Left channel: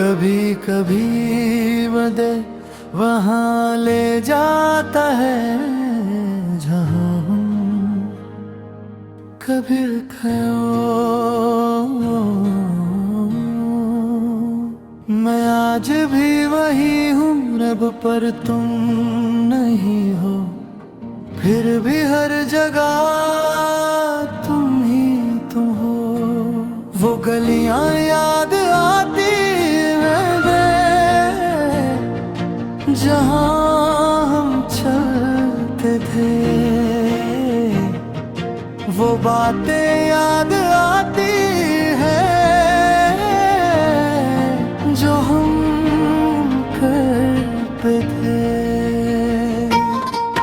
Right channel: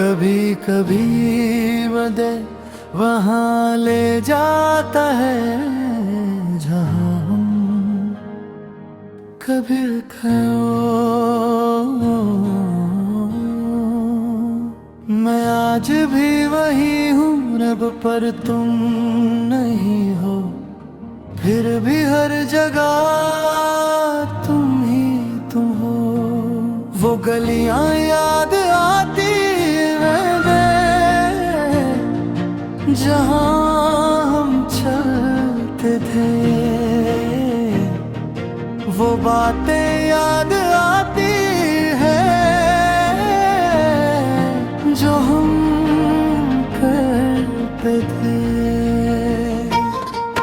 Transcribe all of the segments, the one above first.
कभी कभी बदे वहाँ ले जाता है जहाँ हम कभी खो। मैं आज भी वही हूँ रब, पर तुम नहीं हो। फिर भी हर जगह तुम ही तुम हो। वो गलियां याद आती हैं जहाँ हम चलते थे। वो बातें याद आती हैं जो हम करते थे।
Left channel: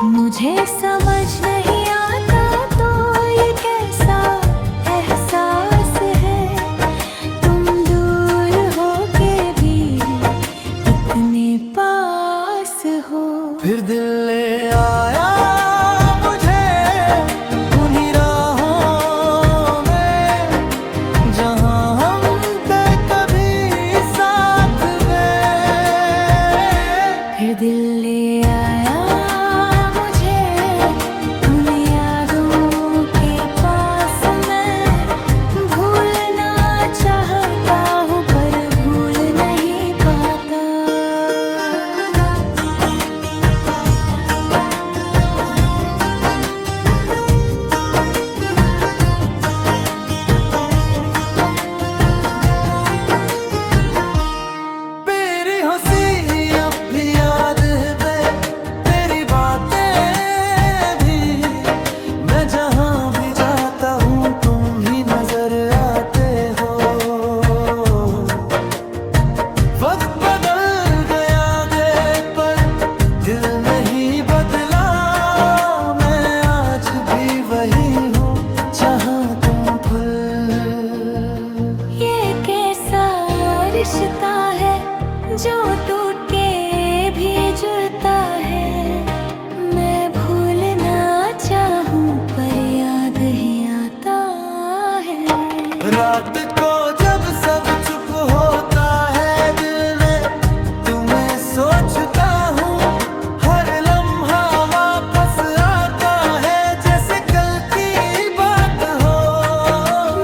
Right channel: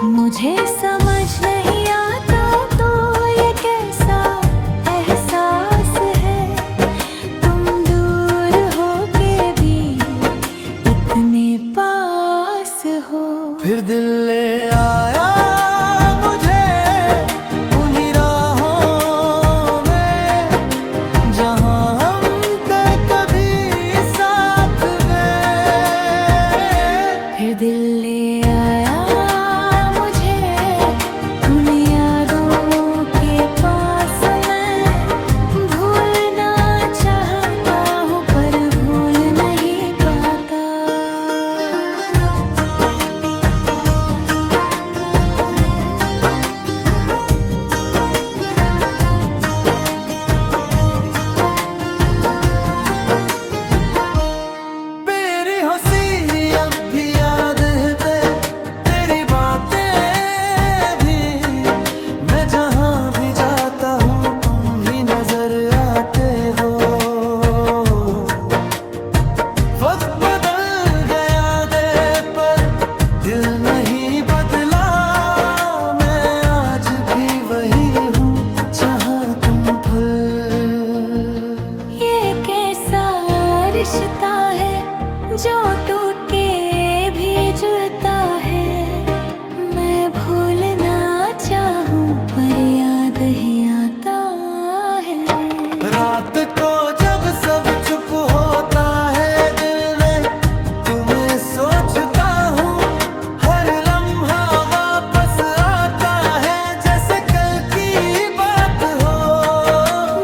मुझे समझ नहीं आता तो ये कैसा एहसास है, तुम दूर हो के भी इतने पास हो। फिर दिल ले आया मुझे उन्हीं राहों में जहाँ हम थे कभी साथ में। फिर दिल ले आया मुझे उन यादों के पास, मैं भूलना चाहता हूँ पर भूल नहीं पाता। मेरी हंसी अब भी याद है, तेरी बातें भी। मैं जहाँ भी जाता हूँ तुम ही नजर आते हो। वक्त बदल गया दे पर दिल नहीं बदला। मैं आज भी वही हूँ जहाँ तुम फूल। ये कैसा रिश्ता है जो टूट के भी जुड़ता है। मैं भूलना चाहूँ पर याद ही आता है। रात को जब सब चुप होता है दिल में तुम्हें सोचता हूँ। हर लम्हा वापस आता है जैसे कल की बात हो।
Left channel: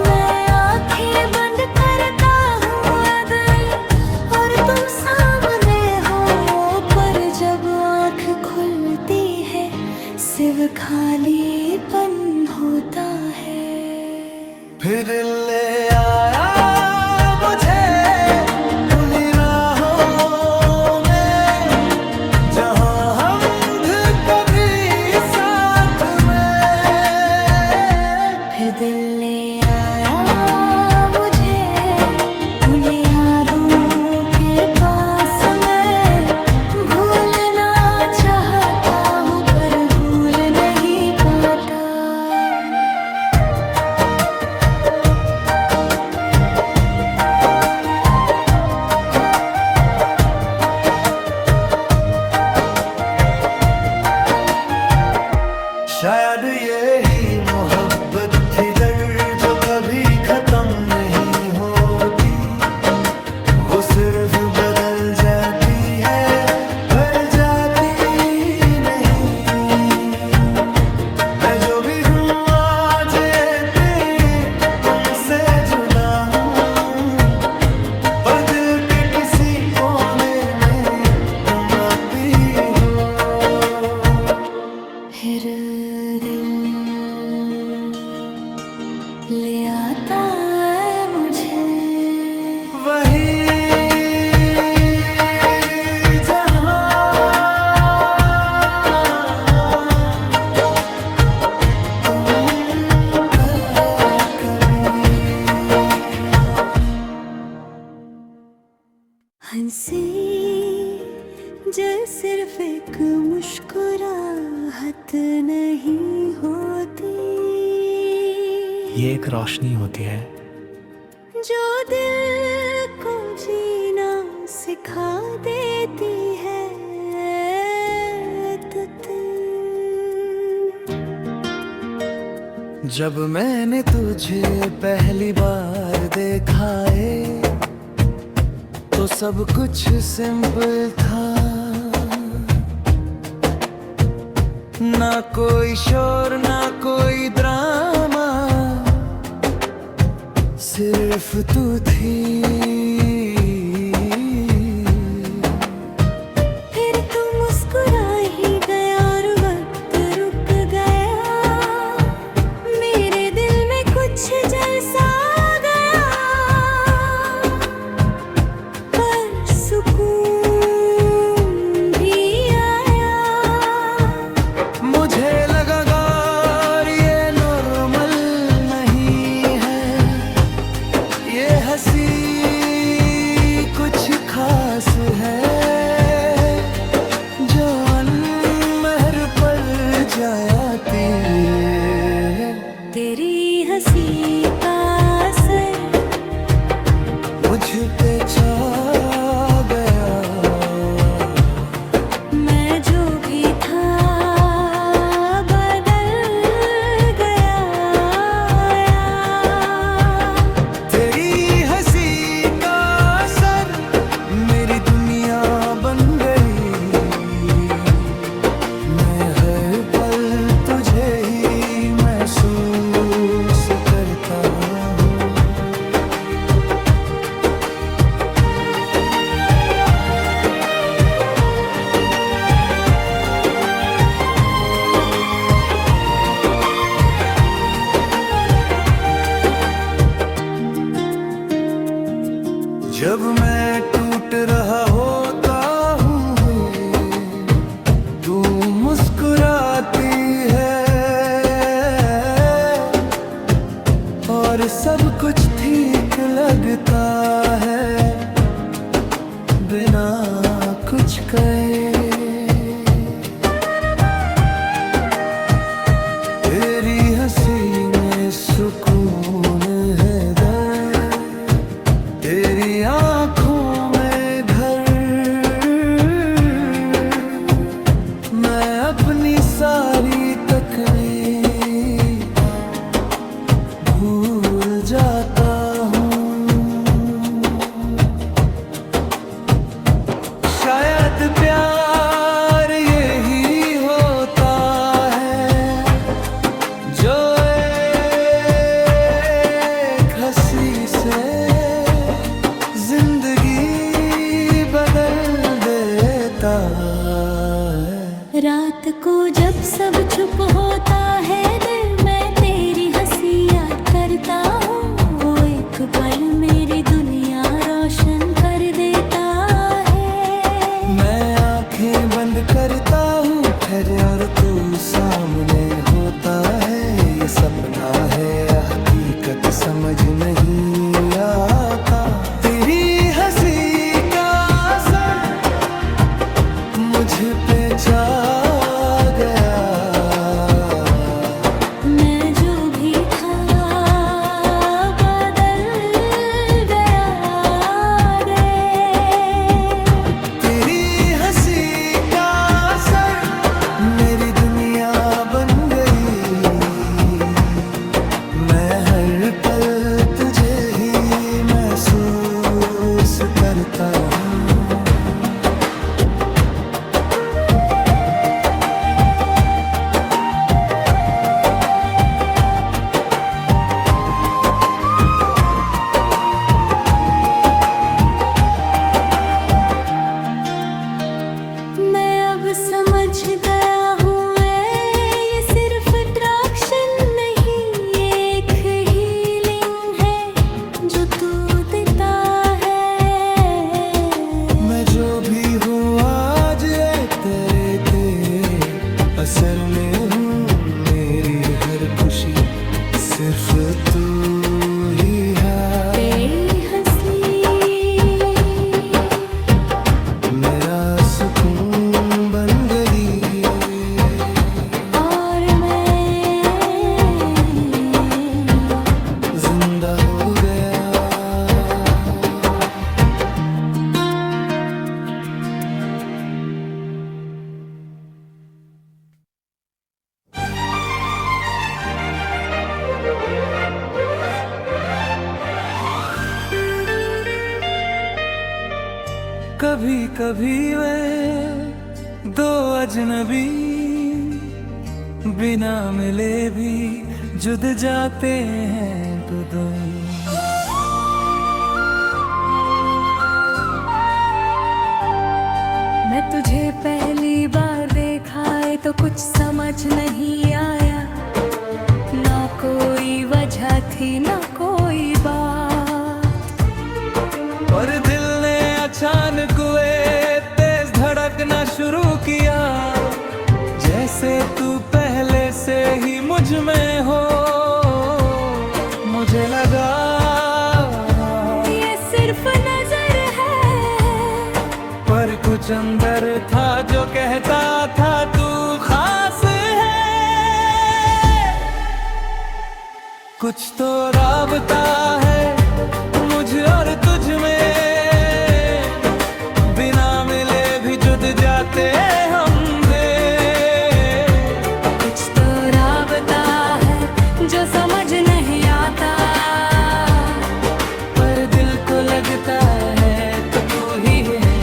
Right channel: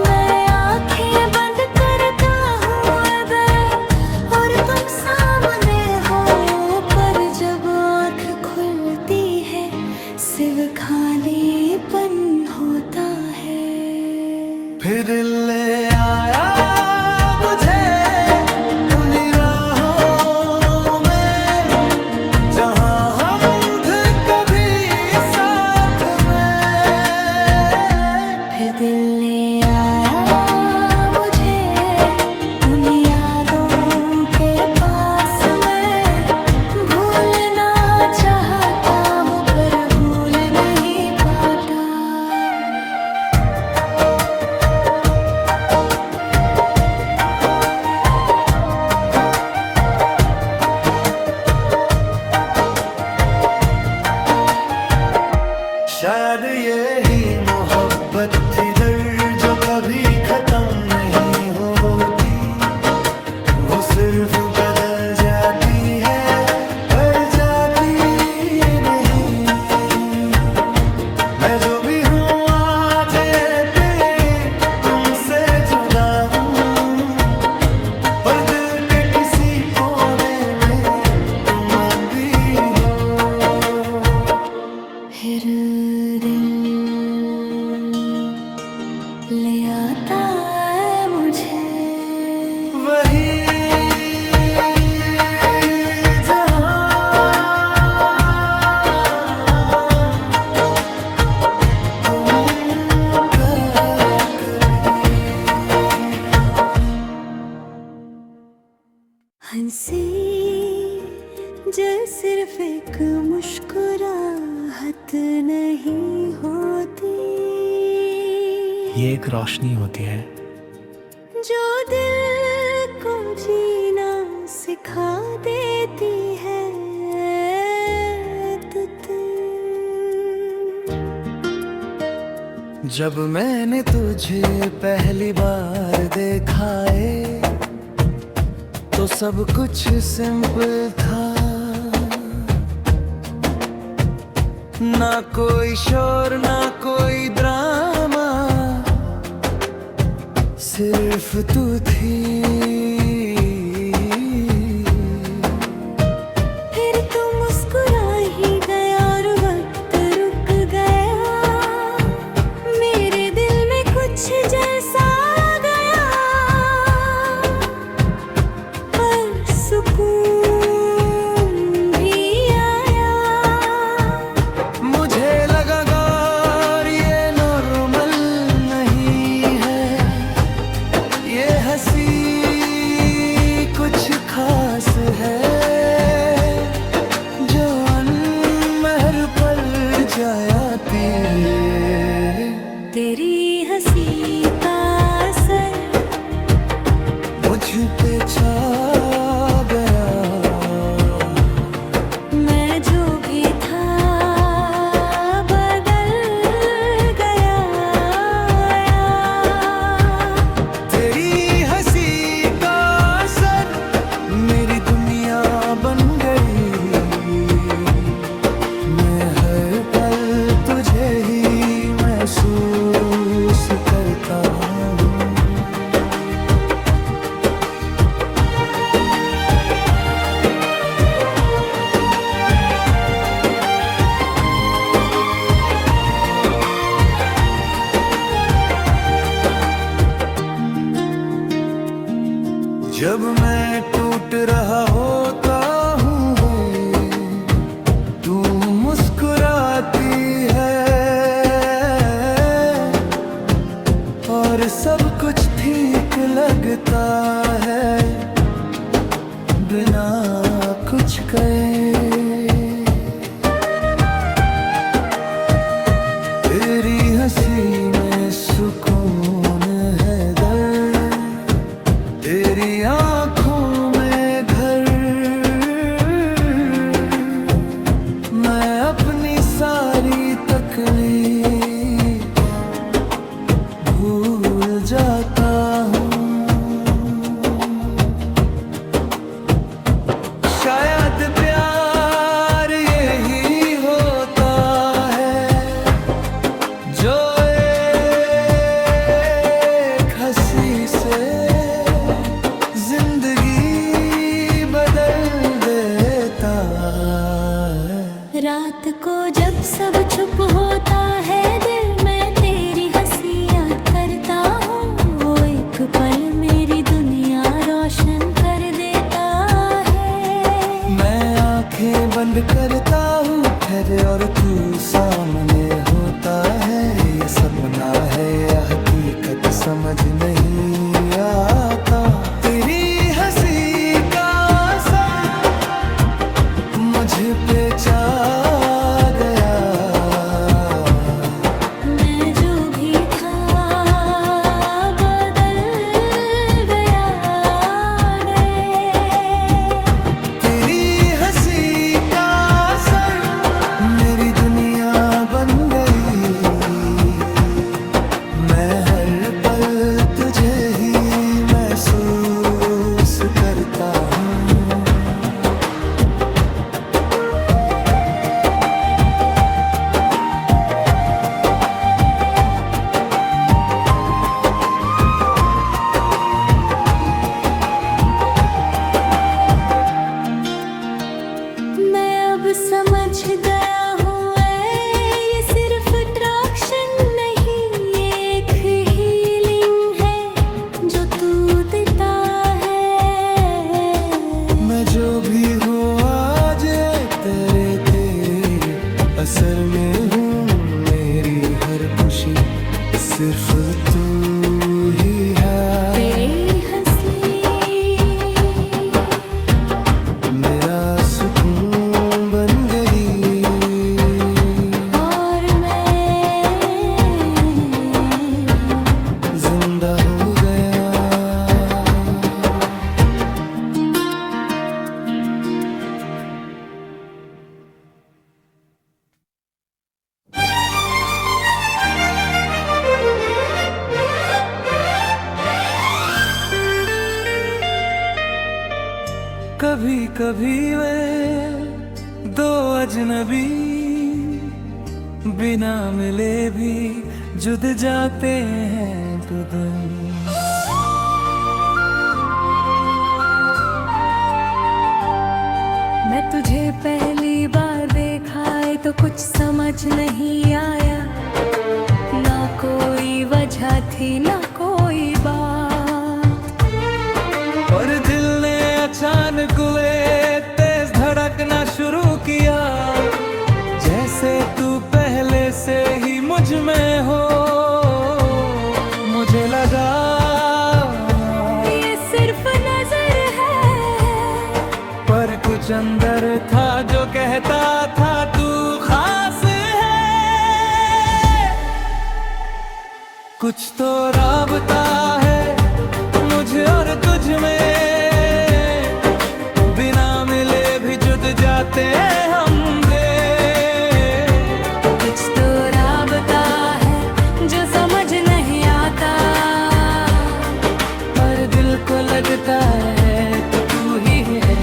मैं आंखें बंद करता हूँ अगर और तुम सामने हो, पर जब आँख खुलती है सिर्फ खालीपन होता है। फिर ले आया मुझे उन्हीं राहों में जहाँ हम थे कभी साथ में। फिर दिल ले आया मुझे उन यादों के पास, मैं भूलना चाहता हूँ पर भूल नहीं पाता। शायद यही मोहब्बत थी दर्द जो कभी खत्म नहीं होती। वो सिर्फ बदल जाती है पर जाती नहीं। मैं जो भी हूँ आज तुमसे जुदा हूँ, पर दिल के किसी कोने में तुम अब भी हो। फिर दिल ले आता है मुझे वही जहाँ तुम था कभी। हंसी जो सिर्फ एक मुस्कुराहट नहीं होती, ये एक रोशनी होती है जो दिल को जीना सिखा देती है। जब मैंने तुझे पहली बार देखा है तो तो सब कुछ सिंपल था, ना कोई शोर ना कोई ड्रामा, सिर्फ तू थी। फिर तू मुस्कुरा ही गया और वक्त रुक गया, मेरे दिल में कुछ जैसा आ गया, पर सुकून भी आया। मुझे लगा गौर ये नॉर्मल नहीं है, ये हंसी कुछ खास है, जो अनमहर पर जाती है। तेरी हंसी का असर मुझ पे छा गया, मैं जो भी था बदल गया। तेरी हंसी का असर मेरी दुनिया बन गई, मैं हर पल तुझे ही महसूस करता हूँ। जब मैं टूट रहा होता हूँ, तू मुस्कुराती है और सब कुछ ठीक लगता है बिना कुछ कहे। तेरी हंसी में सुकून है दर्द, तेरी आँखों में घर, मैं अपनी सारी तकलीफ भूल जाता हूँ। शायद प्यार यही होता है, जो एक हंसी से जिंदगी बदल देता है। रात को जब सब चुप होता है दिल, मैं तेरी हंसी याद करता हूँ, वो एक पल मेरी दुनिया रोशन कर देता है। मैं आंखें बंद करता हूँ ठहरे और तू सामने होता है, ये सपना है या हकीकत समझ नहीं आता। तेरी हंसी का असर मुझ पे छा गया, मैं जो भी था बदल गया। तेरी हंसी का असर मेरी दुनिया बन गई, मैं हर पल तुझे ही महसूस करता हूँ। मैं अब समझ गया हूँ ये सिर्फ अट्रैक्शन नहीं, ये एक हीलिंग है जो तू देता है। मैं जो भी हूँ आज तेरे तेरे असर में हूँ, मेरी हर खुशी सिर्फ तू ही है। तेरी हंसी मेरा सुकून बन गई और मैं जिंदा हो गया। कभी वे दो अजनबी बिना मिले भी जुद जाते हैं तुम। मैं तुझे पहली बार देखा है तो कुछ समझ नहीं आया, ना कोई वजह थी ना कोई बात, और दिल ने अचानक वे तेज धड़कना शुरू किया, जैसे तू पहले से ही मुझ में हो। मुझे लगा ये सिर्फ नजर है, पर कुछ अंदर था जो कहता था तू खास है। कुछ तो राबता है मुझ और तुझ में, बिना मिले भी जुद जाते हम दे। कुछ तो राबता है जो समझ नहीं आता, पर दिल को लगता है तो तू ही है।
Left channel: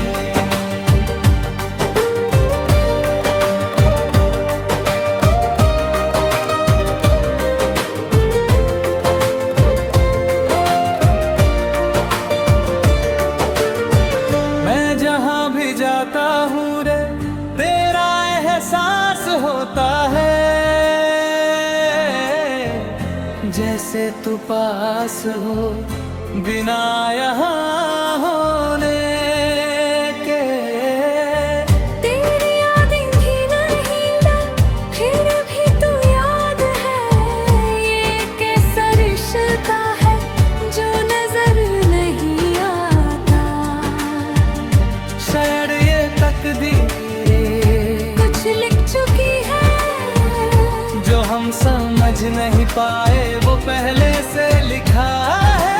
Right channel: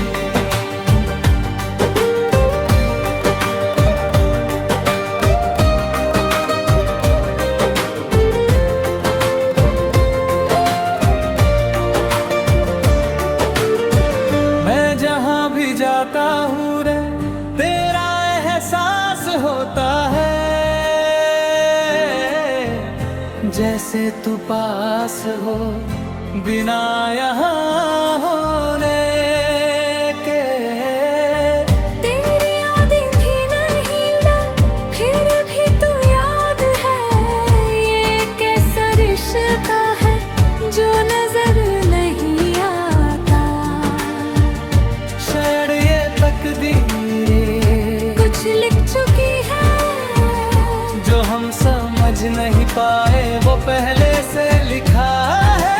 मैं जहाँ भी जाता हूँ रे तेरा एहसास होता है, जैसे तू पास हो बिना यहाँ होने के। तेरी यादें भी नहीं ला, फिर भी तू याद है। ये कैसा रिश्ता है जो नजर नहीं आता, शायद ये तकदीरें कुछ लिख चुकी है जो हम समझ नहीं पाए वो पहले से लिखा है।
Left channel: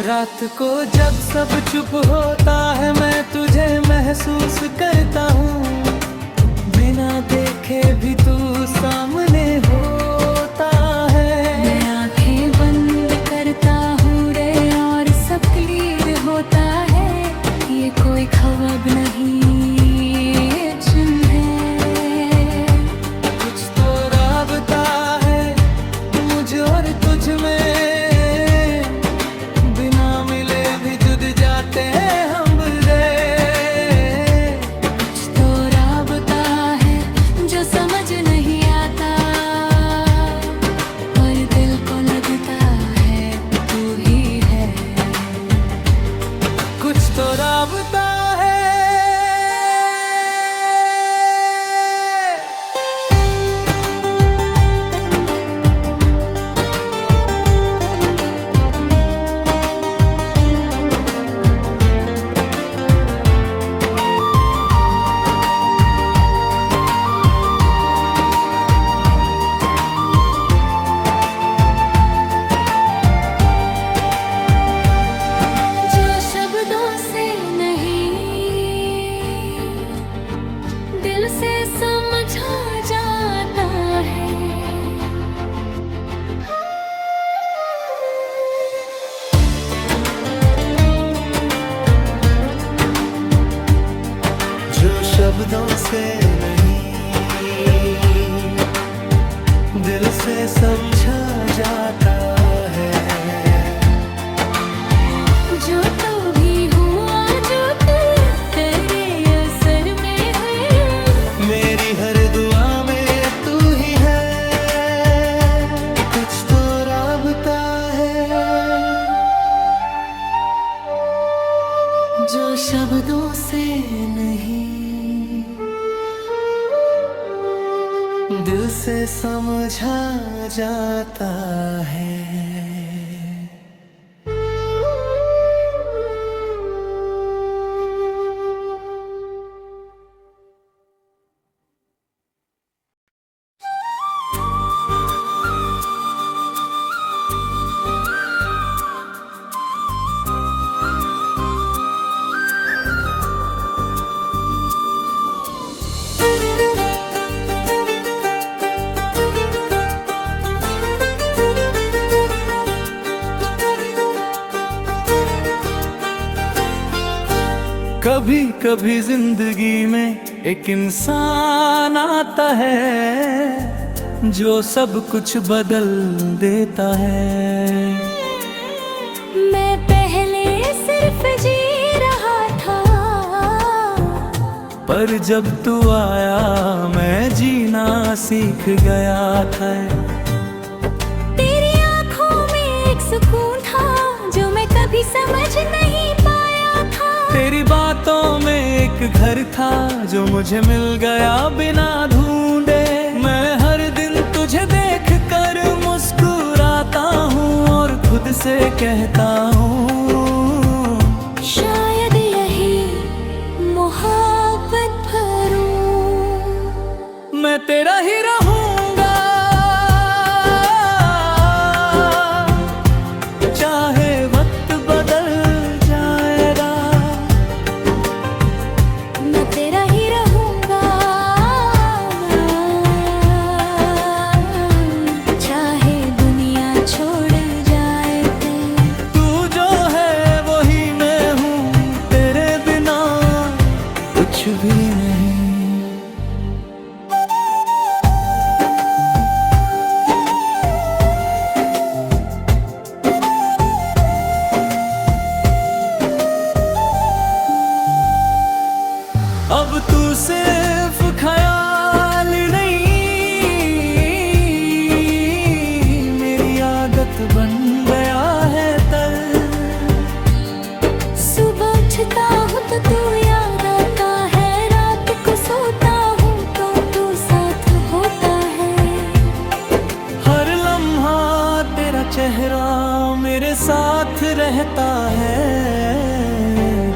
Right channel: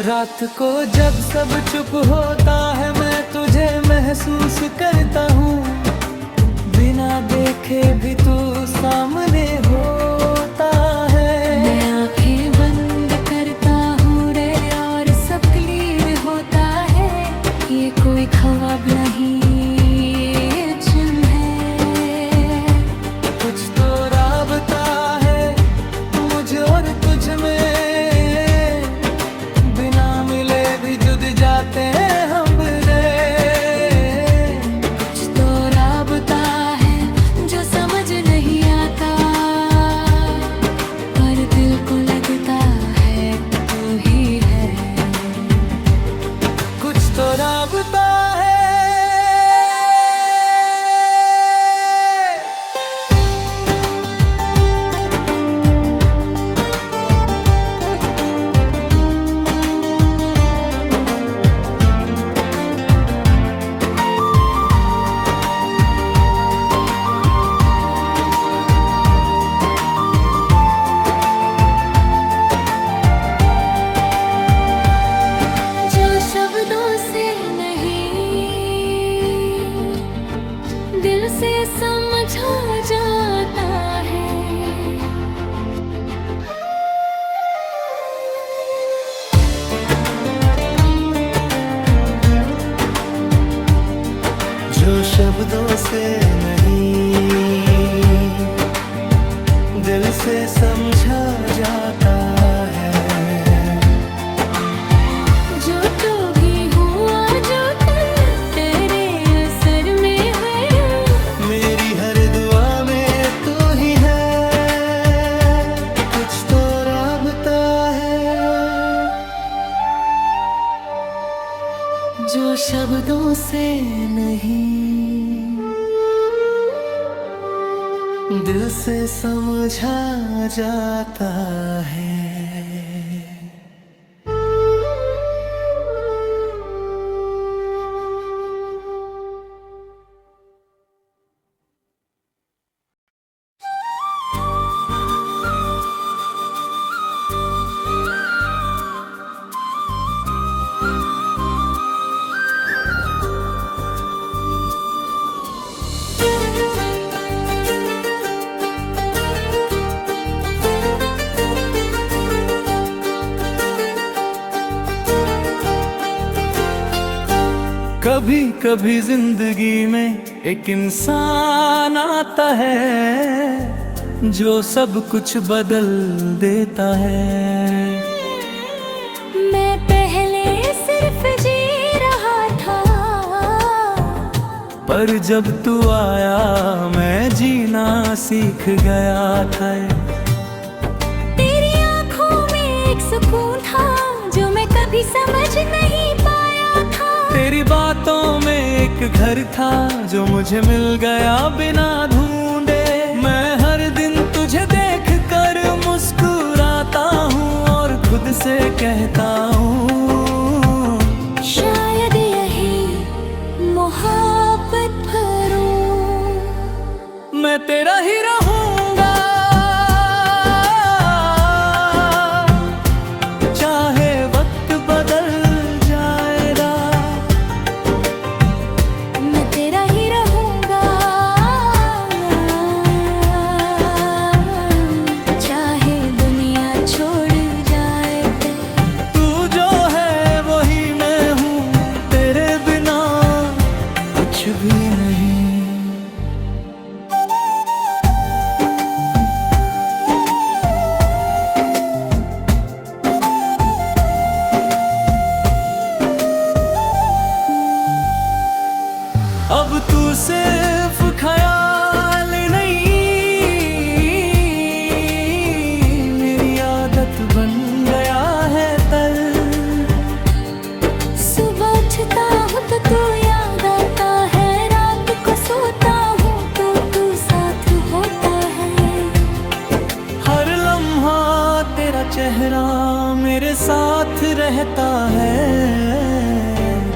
रात को जब सब चुप होता है मैं तुझे महसूस करता हूँ, बिना देखे भी तू सामने होता है। मैं आंखें बंद करता हूँ रे और सब क्लियर होता है, ये कोई ख्वाब नहीं ये चिन्ह है। कुछ तो राबता है मुझ और तुझ में, बिना मिले भी जुद जाते हैं हम रे। कुछ तो राबता है जो समझ नहीं आता, पर दिल को लगता है तू ही है। कुछ तो राबता है। जो शब्दों से नहीं दिल से समझा जाता है, जो शब्दों से नहीं दिल से समझा जाता है, जो तो भी हुआ जो तेरे असर में है। मेरी हर दुआ में तू ही है। कुछ तो राबता है जो शब्दों से नहीं दिल से समझा जाता है। कभी कभी जिंदगी में एक इंसान आता है जो सब कुछ बदल देता है। मैं पहले सिर्फ जी रहा था, पर जब तू आया मैं जीना सीख गया था। तेरी आंखों में एक सुकून था जो मैं कभी समझ नहीं पाया था। तेरी बातों में एक घर था जो मुझे मिल गया बिना ढूंढे। मैं हर दिन तुझे देख कर मुस्कुराता हूँ और खुद से कहता हूँ शायद यही मोहब्बत भरूं। मैं तेरा ही रहूंगा, चाहे वक्त बदल जाएगा। मैं तेरा ही रहूंगा, चाहे दुनिया छोड़ जाए ते। तू जो है वही मैं हूँ, तेरे बिना कुछ भी नहीं। अब तू सिर्फ ख्याल नहीं, मेरी आदत बन गया है तल। सुबह उठता हूँ तो तू याद आता है, रात को सोता हूँ तो तू साथ होता है। हर लम्हा तेरा चेहरा मेरे साथ रहता है।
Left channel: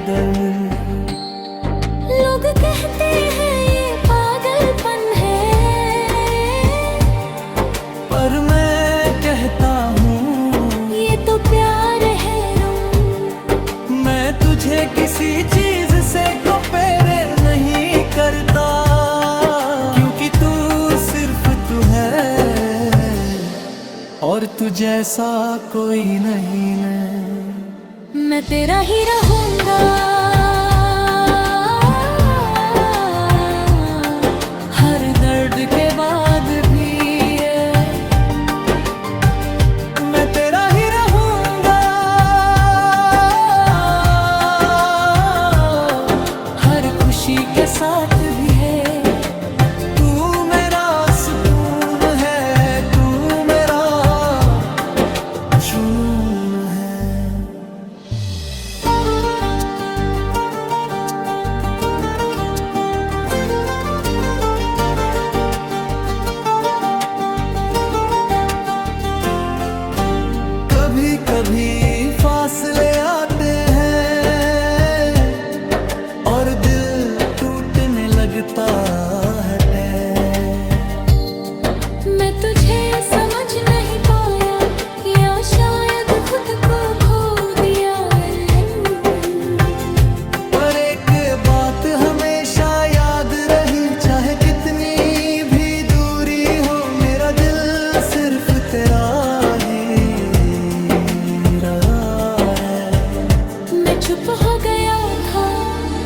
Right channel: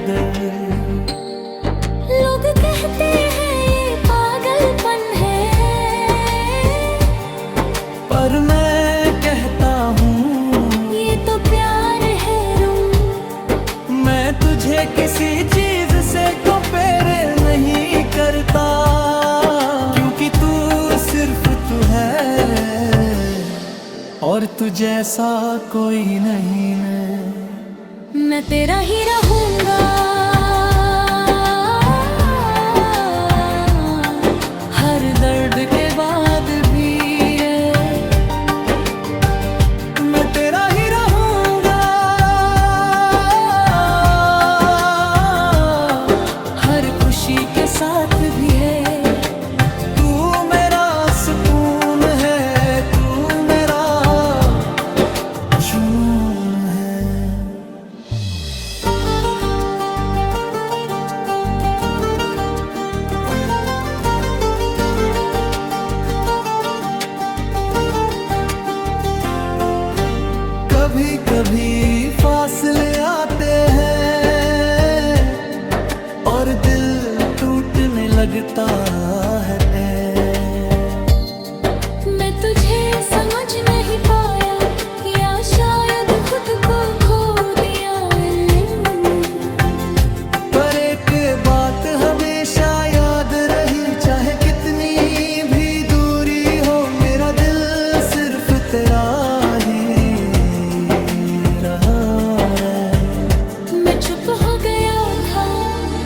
दर लोग कहते हैं ये पागलपन है, पर मैं कहता हूँ ये तो प्यार है रूम। मैं तुझे किसी चीज से कंपेयर नहीं करता, क्योंकि तू सिर्फ तू है और तू जैसा कोई नहीं। मैं तेरा ही रहूंगा, हर दर्द के बाद भी है। मैं तेरा ही रहूंगा, हर खुशी के साथ भी है। तू मेरा सुकून है, तू मेरा जुनून है। कभी कभी फासले आते हैं और दिल टूटने लगता है। मैं तुझे समझ नहीं पाया या शायद खुद को खो दिया। पर एक बात हमेशा याद रही, चाहे कितनी भी दूरी हो, मेरा दिल सिर्फ तेरा ही रहा है। मैं चुप हो गया था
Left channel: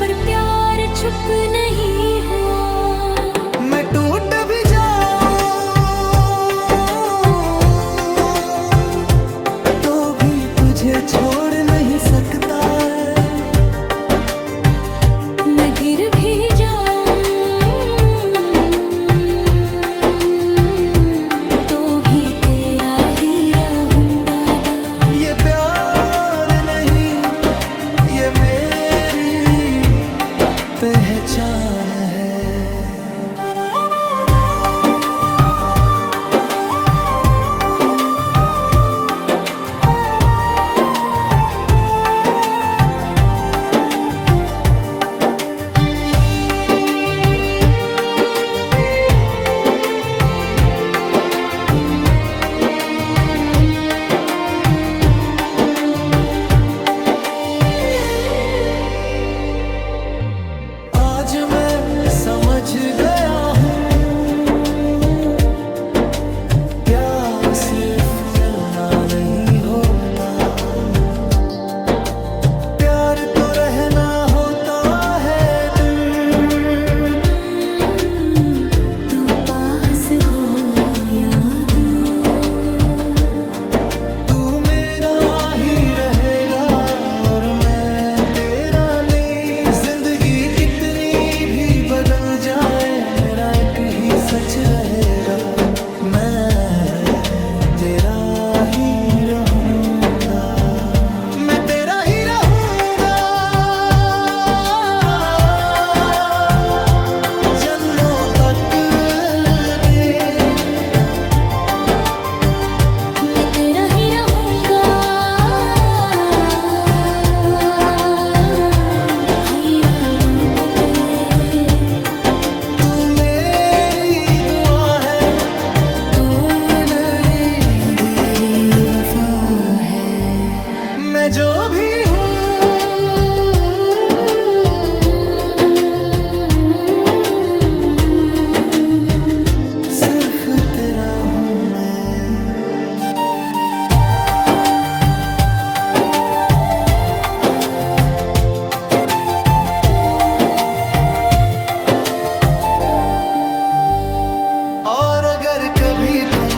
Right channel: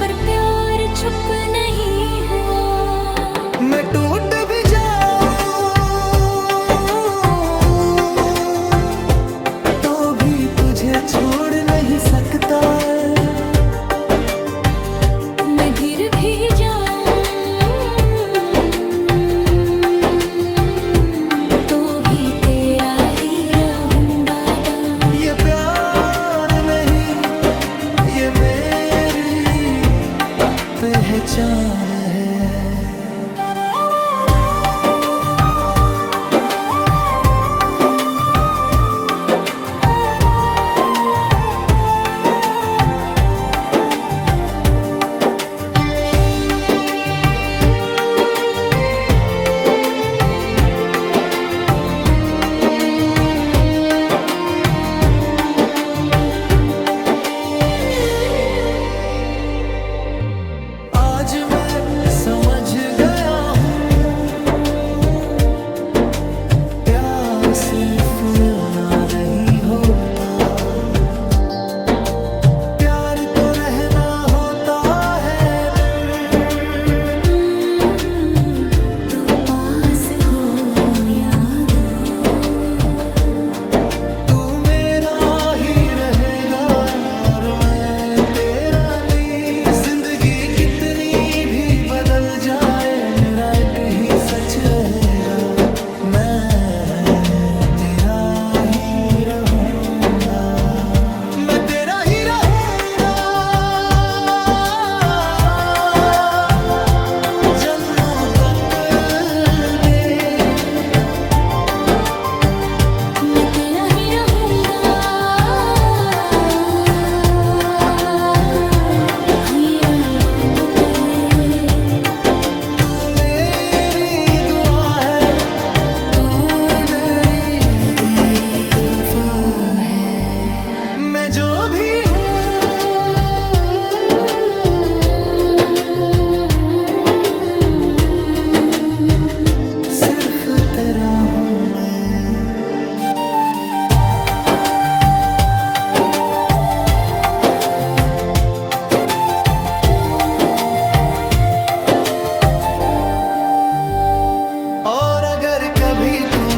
पर प्यार चुप नहीं हुआ। मैं टूट भी जाऊं तो भी तुझे छोड़ नहीं सकता है। मैं गिर भी जाऊं तो भी तेरा ही रहूंगा। ये प्यार नहीं, ये मेरी पहचान है। आज मैं समझ गया हूँ, प्यार सिर्फ मिलना नहीं होता, प्यार तो रहना होता सच रहेगा, मैं तेरा ही रहूंगा, मैं तेरा ही रहूंगा जन्मों तक दे, मैं तेरा ही रहूंगा हयात पे। तू मेरी दुआ है, तू मेरी वफा है। मैं जो भी सिर्फ तेरा हूँ मैं। और अगर कभी तुम